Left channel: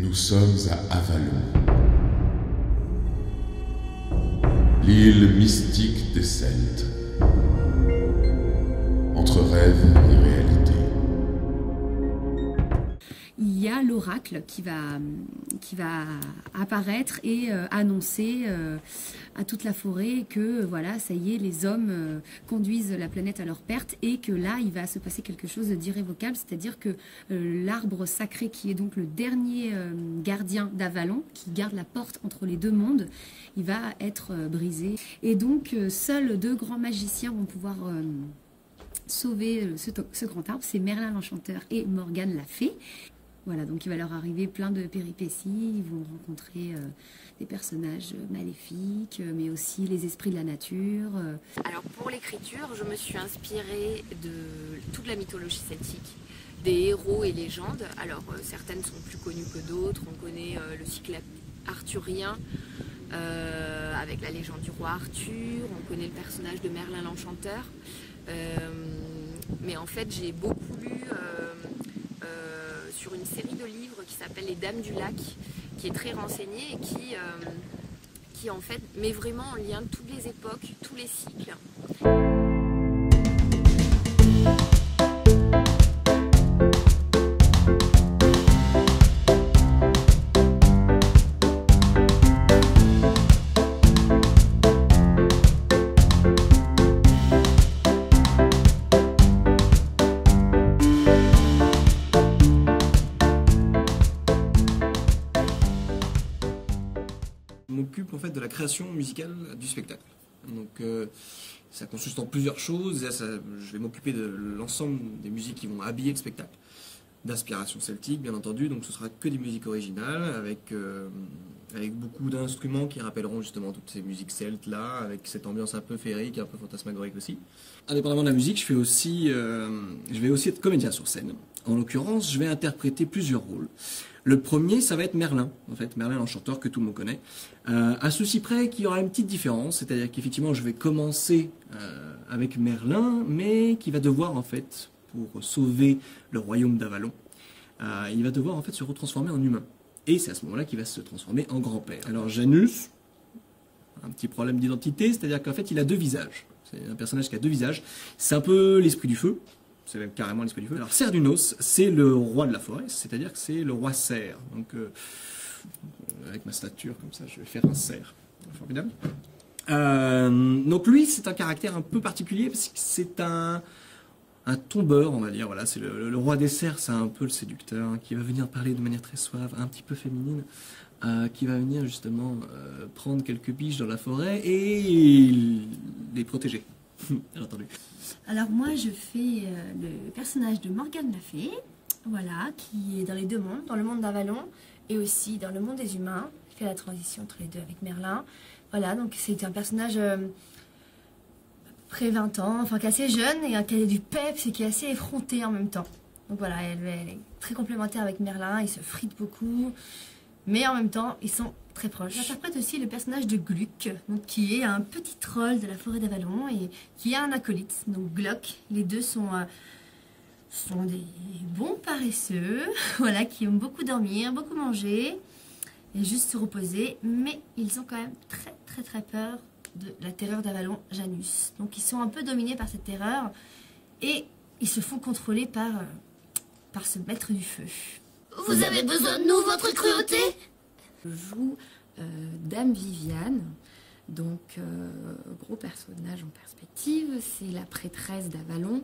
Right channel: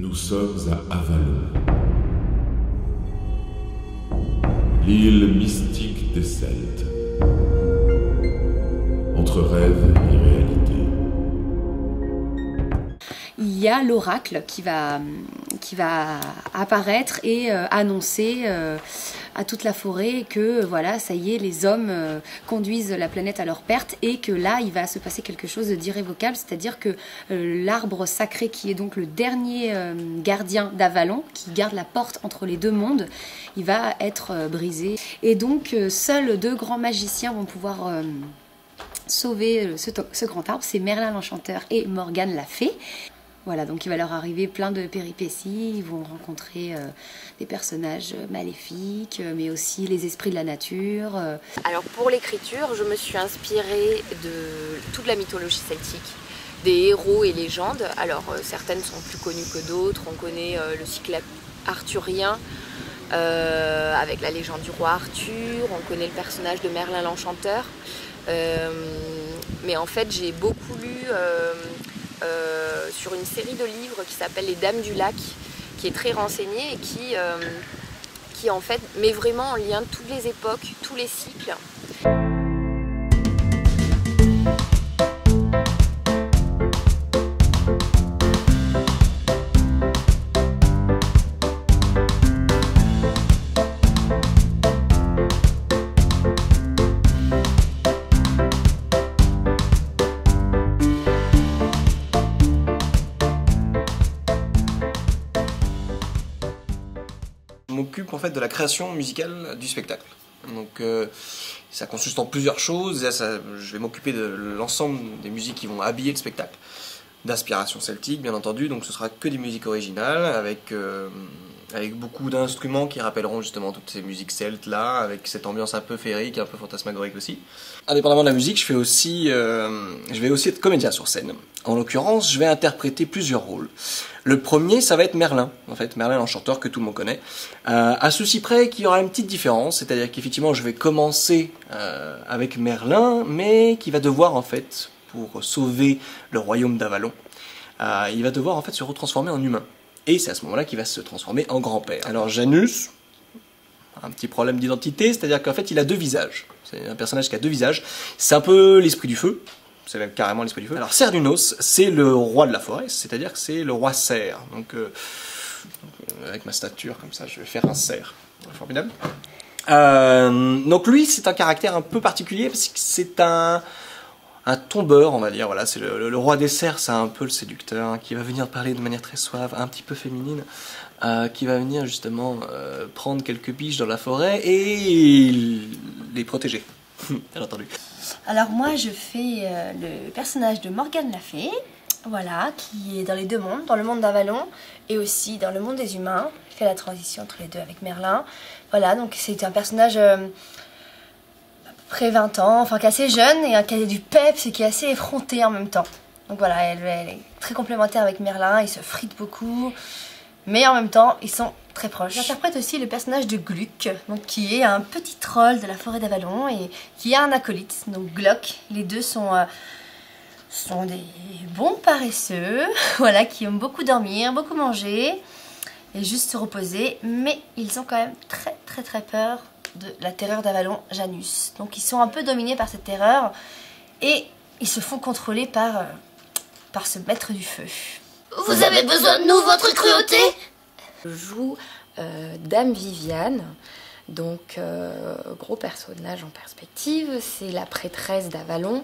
Nous sommes à Avalon, l'île mystique des Celtes, entre rêve et réalité. Il y a l'oracle qui va apparaître et annoncer à toute la forêt que voilà, ça y est, les hommes conduisent la planète à leur perte et que là, il va se passer quelque chose d'irrévocable, c'est-à-dire que l'arbre sacré qui est donc le dernier gardien d'Avalon, qui garde la porte entre les deux mondes, il va être brisé. Et donc, seuls deux grands magiciens vont pouvoir sauver ce grand arbre, c'est Merlin l'Enchanteur et Morgane la Fée. Voilà, donc il va leur arriver plein de péripéties, ils vont rencontrer des personnages maléfiques, mais aussi les esprits de la nature. Alors pour l'écriture, je me suis inspirée de toute la mythologie celtique, des héros et légendes. Alors certaines sont plus connues que d'autres, on connaît le cycle arthurien avec la légende du roi Arthur, on connaît le personnage de Merlin l'Enchanteur. Mais en fait j'ai beaucoup lu sur une série de livres qui s'appelle Les Dames du Lac, qui est très renseignée et qui en fait met vraiment en lien toutes les époques, tous les cycles. M'occupe en fait de la création musicale du spectacle. Donc ça consiste en plusieurs choses. Je vais m'occuper de l'ensemble des musiques qui vont habiller le spectacle, d'inspiration celtique bien entendu, donc ce sera que des musiques originales avec beaucoup d'instruments qui rappelleront justement toutes ces musiques celtes là, avec cette ambiance un peu féerique, un peu fantasmagorique aussi. Indépendamment de la musique, je vais aussi être comédien sur scène. En l'occurrence, je vais interpréter plusieurs rôles. Le premier, ça va être Merlin, en fait, Merlin l'Enchanteur que tout le monde connaît. À ceci près qu'il y aura une petite différence, c'est-à-dire qu'effectivement, je vais commencer avec Merlin, mais qui va devoir en fait, pour sauver le royaume d'Avalon, il va devoir en fait se retransformer en humain. Et c'est à ce moment-là qu'il va se transformer en grand-père. Alors Janus, un petit problème d'identité, c'est-à-dire qu'en fait il a deux visages. C'est un personnage qui a deux visages. C'est un peu l'esprit du feu, c'est même carrément l'esprit du feu. Alors Cernunnos, c'est le roi de la forêt, c'est-à-dire que c'est le roi cerf. Donc avec ma stature comme ça, je vais faire un cerf. Formidable. Donc lui, c'est un caractère un peu particulier parce que c'est un tombeur, on va dire, voilà, c'est le roi des cerfs, c'est un peu le séducteur, hein, qui va venir parler de manière très suave, un petit peu féminine, qui va venir justement prendre quelques biches dans la forêt et les protéger, bien entendu. Alors moi je fais le personnage de Morgane la Fée, voilà, qui est dans les deux mondes, dans le monde d'Avalon et aussi dans le monde des humains. Je fais la transition entre les deux avec Merlin. Voilà, donc c'est un personnage près 20 ans, enfin qui est assez jeune et qui a du peps et qui est assez effronté en même temps. Donc voilà, elle est très complémentaire avec Merlin, ils se fritent beaucoup, mais en même temps ils sont très proches. J'interprète aussi le personnage de Gluck, donc qui est un petit troll de la forêt d'Avalon et qui a un acolyte, donc Glock. Les deux sont des bons paresseux, voilà, qui aiment beaucoup dormir, beaucoup manger et juste se reposer, mais ils ont quand même très peur de la terreur d'Avalon, Janus. Donc ils sont un peu dominés par cette terreur et ils se font contrôler par ce maître du feu. Vous avez besoin de nous, votre cruauté? Je joue Dame Viviane, donc gros personnage en perspective, c'est la prêtresse d'Avalon,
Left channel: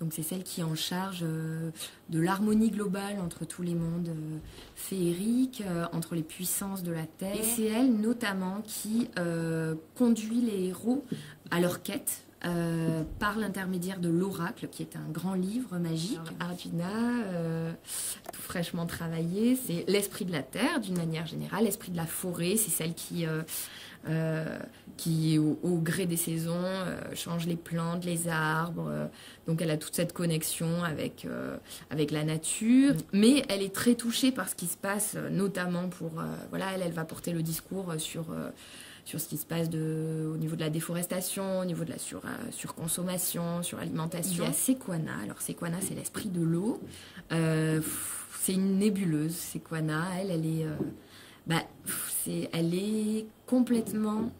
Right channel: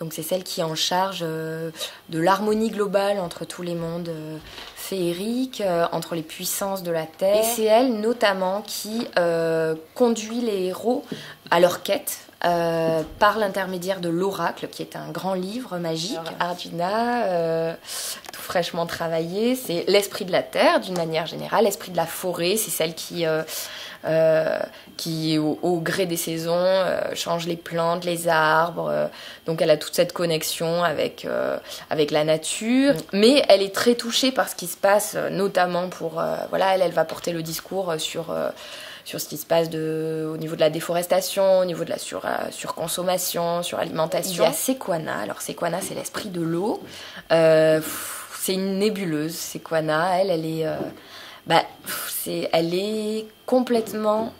donc c'est celle qui est en charge de l'harmonie globale entre tous les mondes féeriques, entre les puissances de la Terre. Et c'est elle notamment qui conduit les héros à leur quête par l'intermédiaire de l'oracle, qui est un grand livre magique. Arjuna, tout fraîchement travaillé, c'est l'esprit de la terre d'une manière générale, l'esprit de la forêt, c'est celle qui au gré des saisons change les plantes, les arbres, donc elle a toute cette connexion avec la nature, mais elle est très touchée par ce qui se passe, notamment pour voilà, elle va porter le discours sur ce qui se passe au niveau de la déforestation, au niveau de la surconsommation, suralimentation. Il y a Sequana. Alors Sequana, c'est l'esprit de l'eau. C'est une nébuleuse, Sequana. Elle est complètement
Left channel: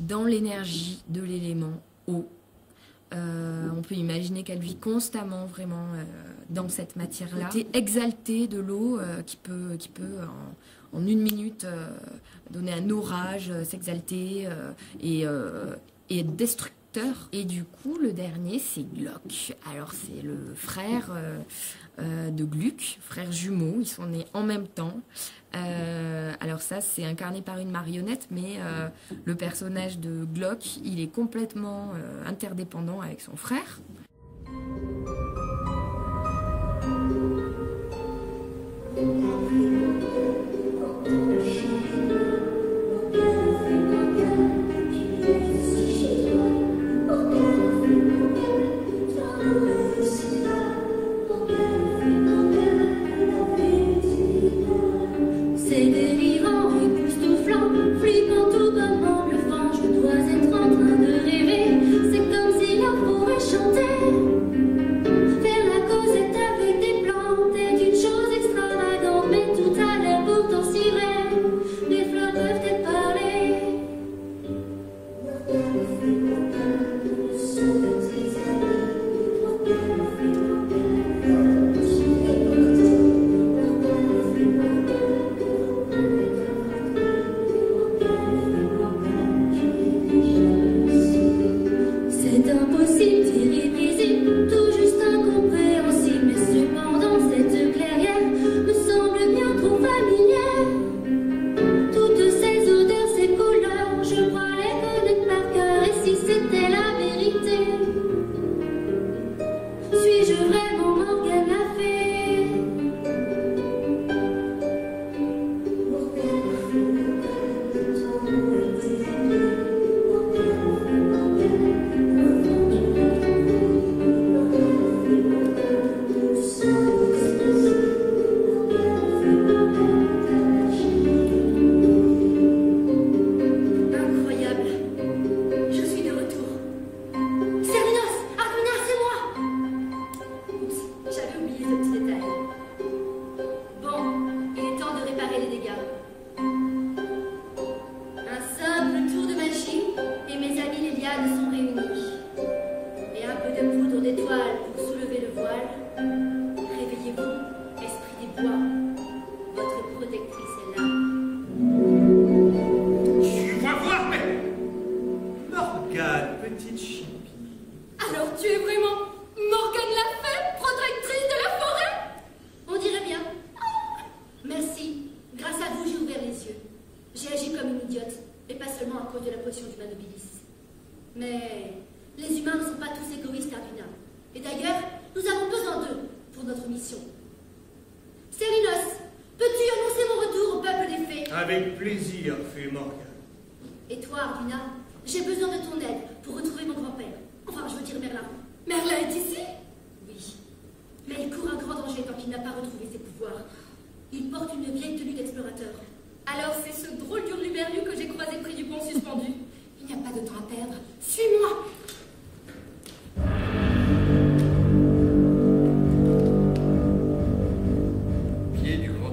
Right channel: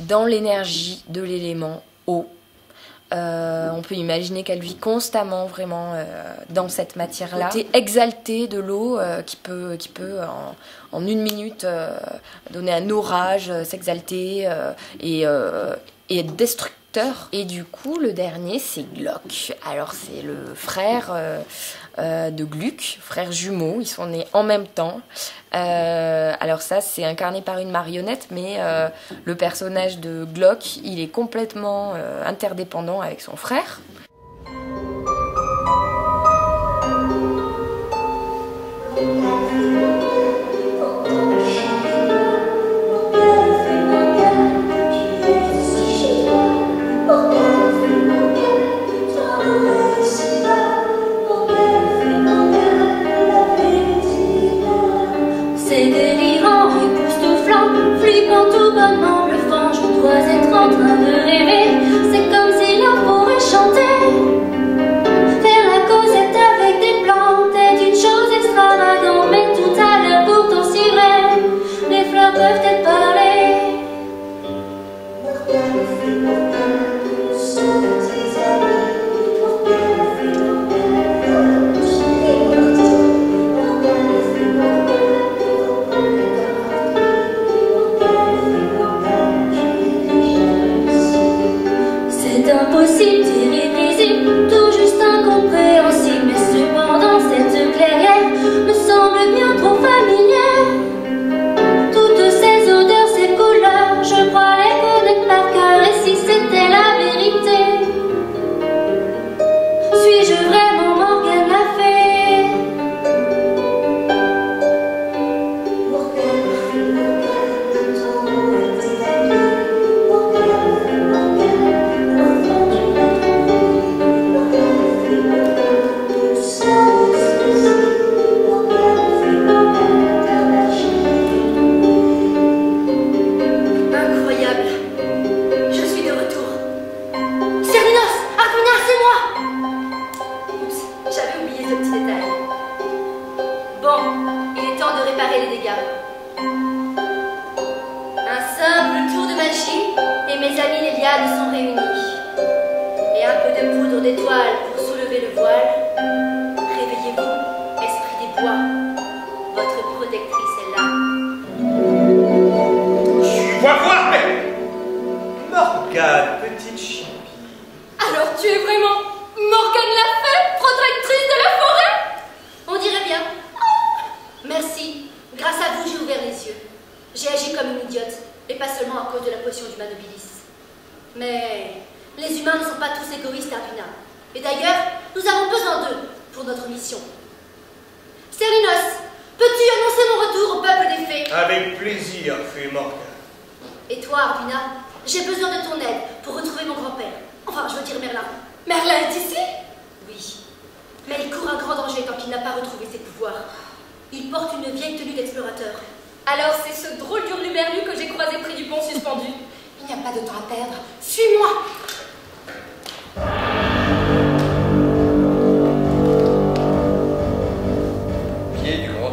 dans l'énergie de l'élément eau. On peut imaginer qu'elle vit constamment vraiment dans cette matière-là. Côté exalté de l'eau qui peut en une minute donner un orage, s'exalter et être destructeur. Et du coup, le dernier, c'est Glock. Alors, c'est le frère de Gluck, frère jumeau. Ils sont nés en même temps. Alors ça, c'est incarné par une marionnette, mais le personnage de Glock, il est complètement interdépendant avec son frère.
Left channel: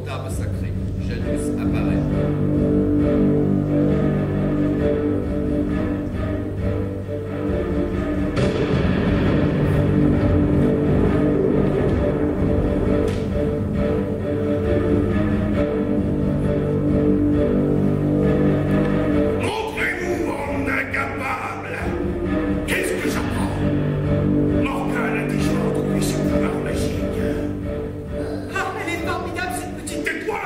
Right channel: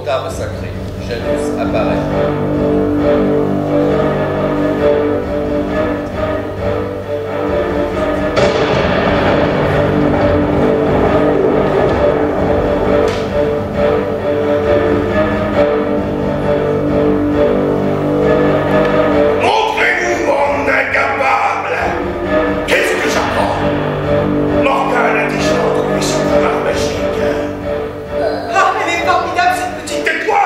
Arbre sacré, Janus apparaît. Montrez-nous, mon incapable! Qu'est-ce que j'apprends? Morgane a déjà retrouvé son pouvoir magique. Ah, elle est formidable, cette petite... Tais-toi!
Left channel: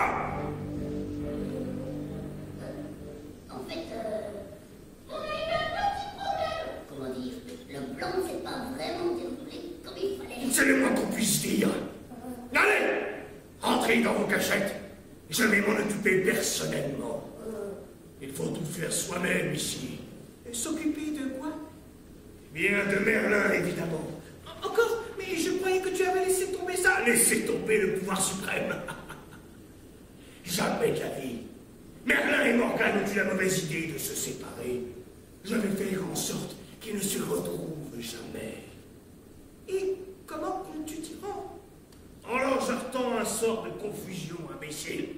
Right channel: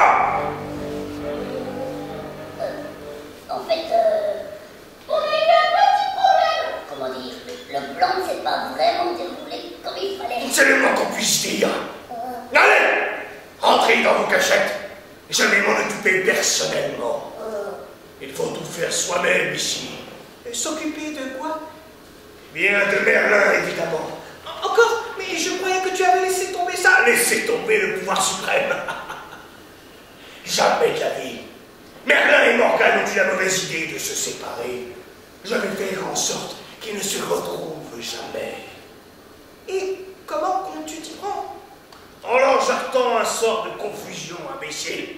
En fait, on a eu un petit problème. Comment dire? Le plan ne s'est pas vraiment déroulé comme il fallait. C'est le moins qu'on puisse dire. Allez! Entrez dans vos cachettes. Je vais m'en occuper personnellement. Il faut tout faire soi-même ici. S'occuper de quoi? Bien de Merlin, évidemment. Encore? Mais je croyais que tu avais laissé tomber ça. Laissez tomber le pouvoir suprême. Jamais de la vie. Merlin et Morgane ont eu la mauvaise idée de se séparer. Je vais faire en sorte qu'ils ne se retrouvent jamais. Et comment comptes-tu t'y prendre? En leur j'attends un sort de confusion, imbécile.